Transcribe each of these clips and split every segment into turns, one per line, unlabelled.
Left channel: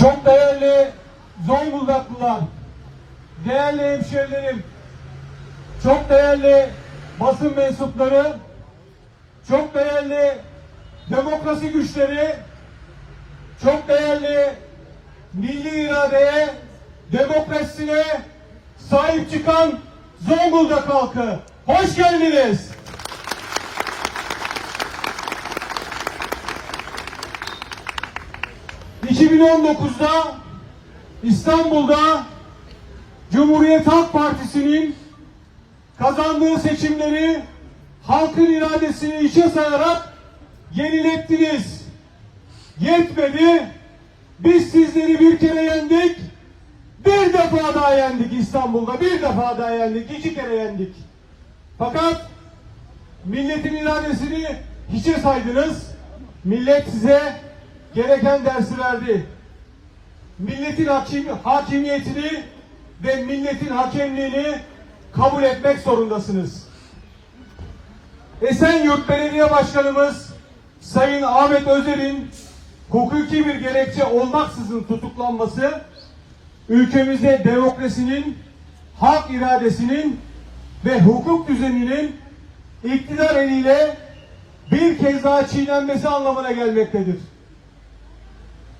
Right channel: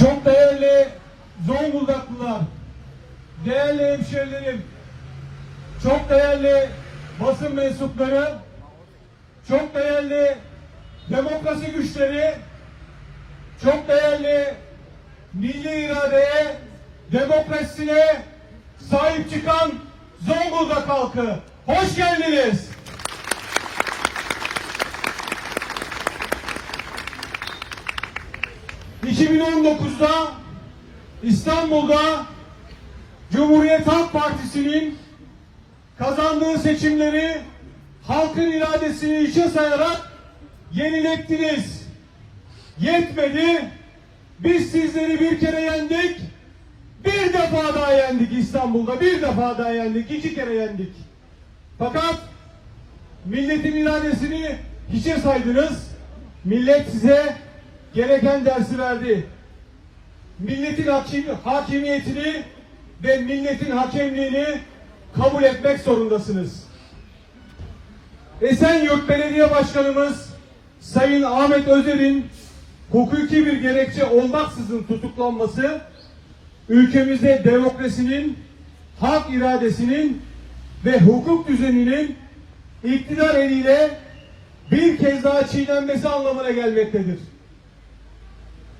Çok değerli Zonguldaklılar, değerli hemşehrilerim, çok değerli basın mensupları, çok değerli demokrasi güçleri, çok değerli milli iradeye, demokrasisine sahip çıkan Zonguldak halkı. Hoş geldiniz. ...2019'da İstanbul'da Cumhuriyet Halk Partisi'nin kazandığı seçimleri halkın iradesini içe sayarak yenilettiniz. Yetmedi. Biz sizleri bir kere yendik. Bir defa daha yendik İstanbul'da. Bir defa daha yendik. iki kere yendik. Fakat milletin iradesini hiçe saydınız. Millet size gereken dersi verdi. Milletin hakim, hakimiyetini ve milletin hakemliğini kabul etmek zorundasınız. Esenyurt Belediye Başkanımız Sayın Ahmet Özer'in hukuki bir gerekçe olmaksızın tutuklanması ülkemizde demokrasinin, halk iradesinin ve hukuk düzeninin iktidar eliyle bir kez daha çiğnenmesi anlamına gelmektedir.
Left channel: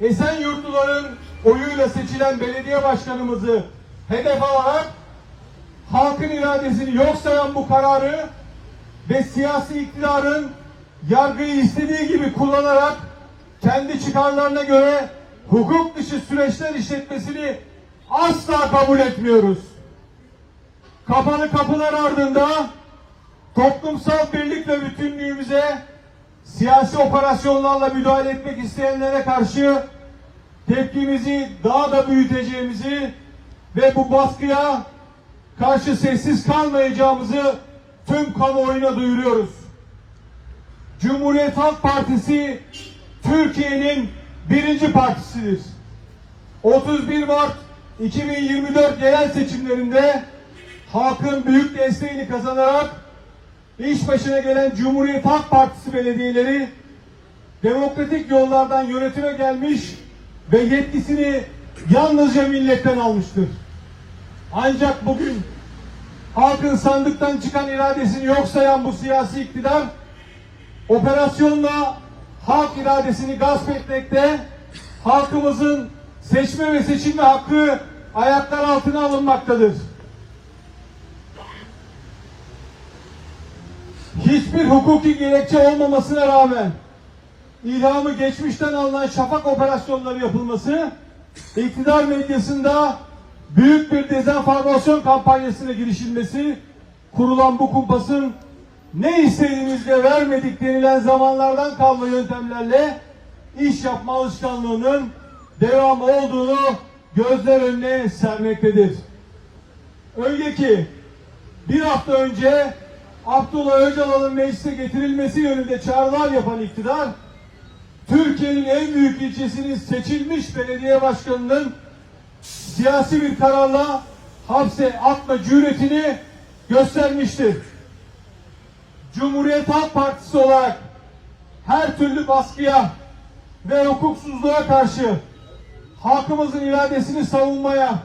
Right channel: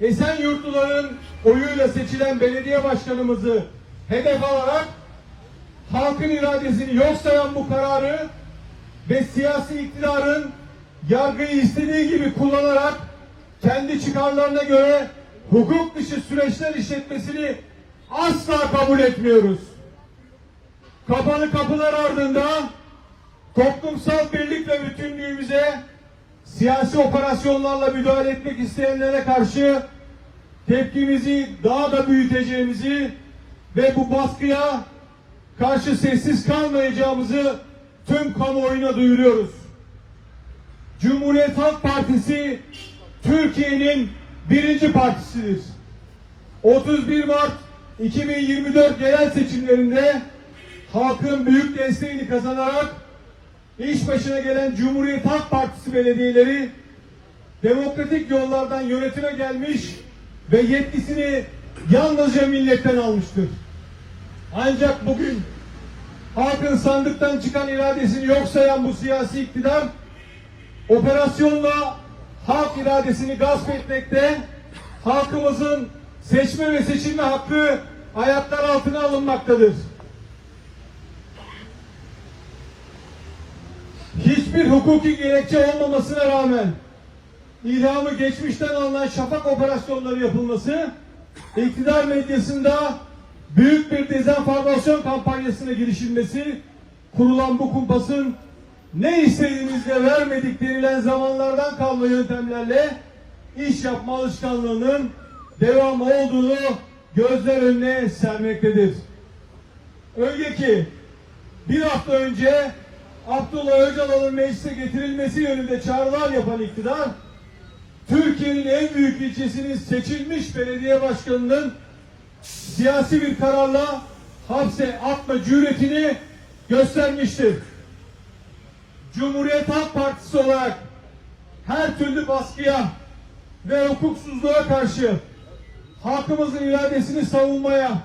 Esenyurtluların oyuyla seçilen belediye başkanımızı hedef alarak halkın iradesini yok sayan bu kararı ve siyasi iktidarın yargıyı istediği gibi kullanarak kendi çıkarlarına göre hukuk dışı süreçler işletmesini asla kabul etmiyoruz. Kapalı kapılar ardında toplumsal birlik ve bütünlüğümüze siyasi operasyonlarla müdahale etmek isteyenlere karşı tepkimizi daha da büyüteceğimizi ve bu baskıya karşı sessiz kalmayacağımızı tüm kamuoyuna duyuruyoruz. Cumhuriyet Halk Partisi Türkiye'nin birinci partisidir. 31 Mart 2024 genel seçimlerinde halkın büyük desteğini kazanarak iş başına gelen Cumhuriyet Halk Partisi belediyeleri demokratik yollardan yönetime gelmiş ve yetkisini yalnızca milletten almıştır. Ancak bugün halkın sandıktan çıkan iradesini yok sayan bu siyasi iktidar operasyonla halk iradesini gasp etmekte, halkımızın seçme ve seçilme hakkı ayaklar altına alınmaktadır. Hiçbir hukuki gerekçe olmamasına rağmen ilhamı geçmişten alınan şafak operasyonları yapılması, iktidar medyasında büyük bir dezenformasyon kampanyasına girişilmesi, kurulan bu kumpasın ne istediğinizde vermedik denilen zamanlardan kalma yöntemlerle iş yapma alışkanlığının devam olduğunu gözler önüne sermektedir. Öyle ki bir hafta önce Abdullah Öcalan'ın meclise getirilmesi yönünde çağrılar yapan iktidar, Türkiye'nin en büyük ilçesinin seçilmiş belediye başkanının siyasi bir kararla hapse atma cüretini göstermiştir. Cumhuriyet Halk Partisi olarak her türlü baskıya ve hukuksuzluğa karşı halkımızın iradesini savunmaya,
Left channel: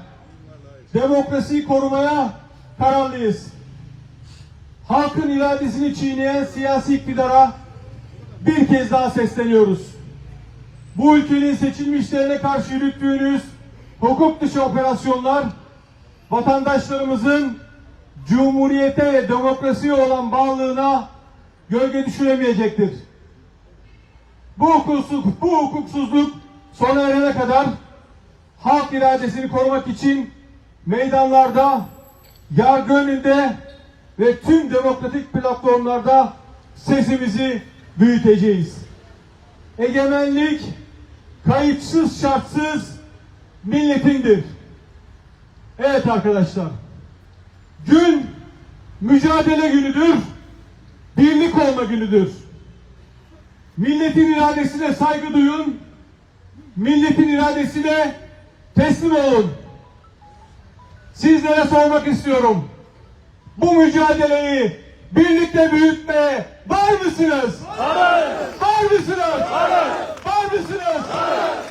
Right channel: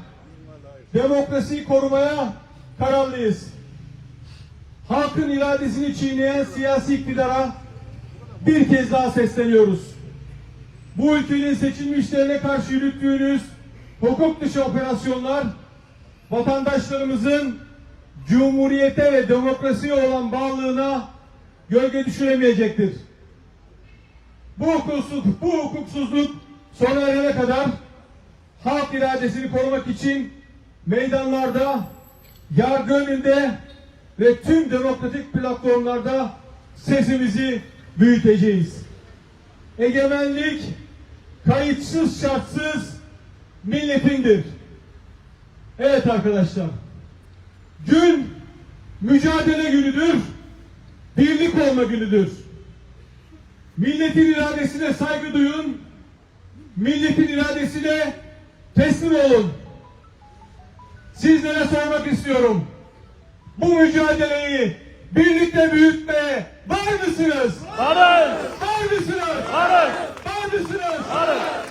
demokrasiyi korumaya kararlıyız. Halkın iradesini çiğneyen siyasi iktidara bir kez daha sesleniyoruz. Bu ülkenin seçilmişlerine karşı yürüttüğünüz hukuk dışı operasyonlar vatandaşlarımızın cumhuriyete ve demokrasiye olan bağlılığına gölge düşüremeyecektir. Bu hukuksuzluk, bu hukuksuzluk sona erene kadar halk iradesini korumak için meydanlarda, yargı önünde ve tüm demokratik platformlarda sesimizi büyüteceğiz. Egemenlik kayıtsız şartsız milletindir. Evet arkadaşlar. Gün mücadele günüdür. Birlik olma günüdür. Milletin iradesine saygı duyun. Milletin iradesine teslim olun. Sizlere sormak istiyorum bu mücadeleyi birlikte büyütmeye var mısınız? Varız. Var mısınız? Varız. Var mısınız? Varız.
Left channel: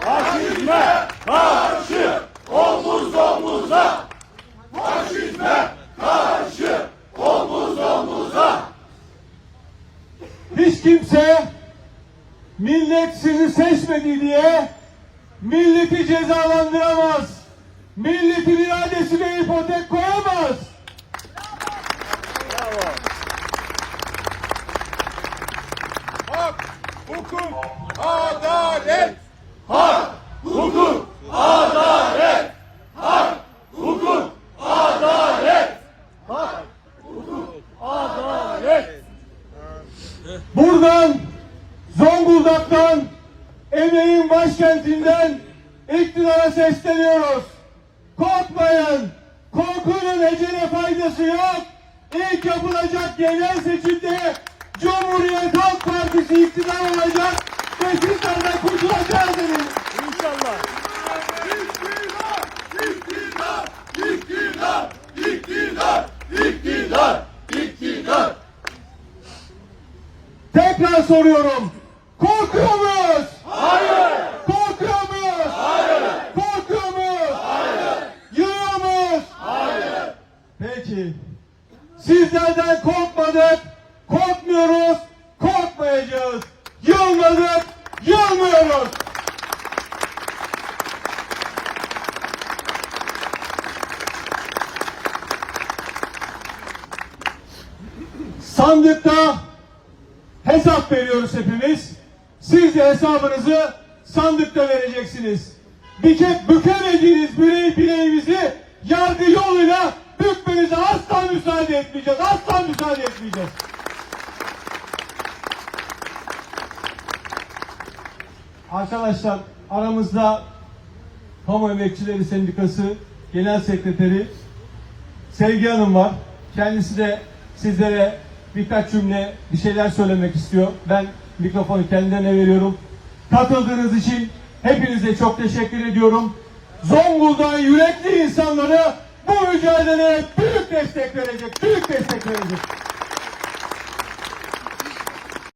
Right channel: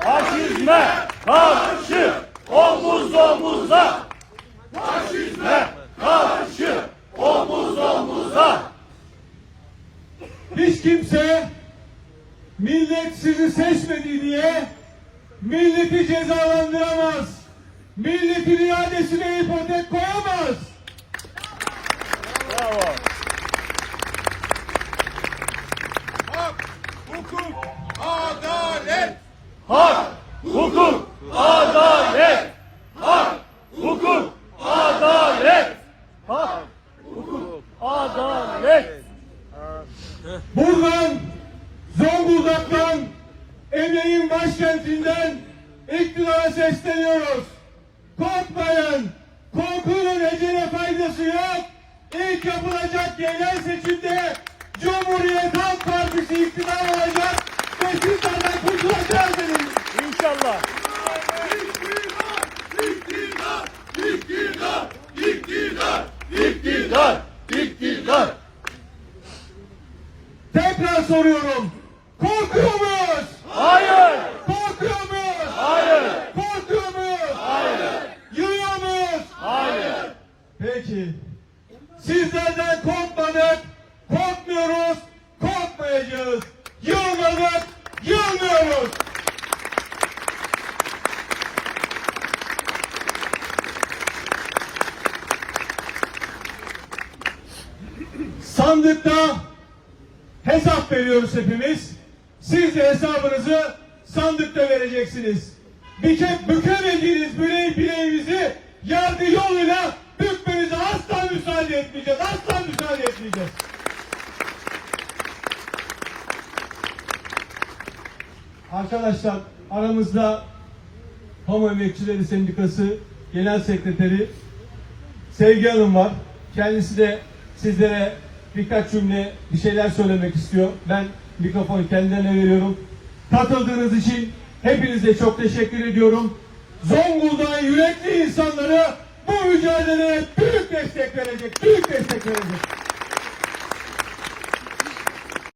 Faşizme karşı omuz omuza. Faşizme karşı omuz omuza. Hiç kimse millet sizi seçmedi diye milleti cezalandıramaz. Milletin iradesine ipotek koyamaz. Sesleniyoruz. Korkmayın. Korkunun ecele faydası yok. İlk yapılacak genel seçimde Cumhuriyet Halk Partisi iktidar olacak ve sizlerden kurtulacağız dedim.
İnşallah.
Tekrar soruyorum. Sizlerden korkmadık, korkmuyoruz, korkmayacağız. Yılmadık, yılmıyoruz. Sandıkta hesap veriyoruz hepimiz. Siz de hesabınızı sandıkta vereceksiniz. Bike, bükemediğiniz birey bireğimizi yargı yoluyla bükmenize asla müsaade etmeyeceğiz. Asla müsaade etmeyeceğiz. Arkadaşlar aramızda Kamu Emekçileri Sendikası Genel Sekreteri Sevgi Hanım var. Kendisi de sizlere birkaç cümle bir şeyler söylemek istiyor. Ben mikrofonu kendilerine veriyorum. Katıldığınız için hepinize çok teşekkür ediyorum. Zonguldak'ın yürekli insanları bu mücadeleye büyük destek verecek, büyük destek verecek.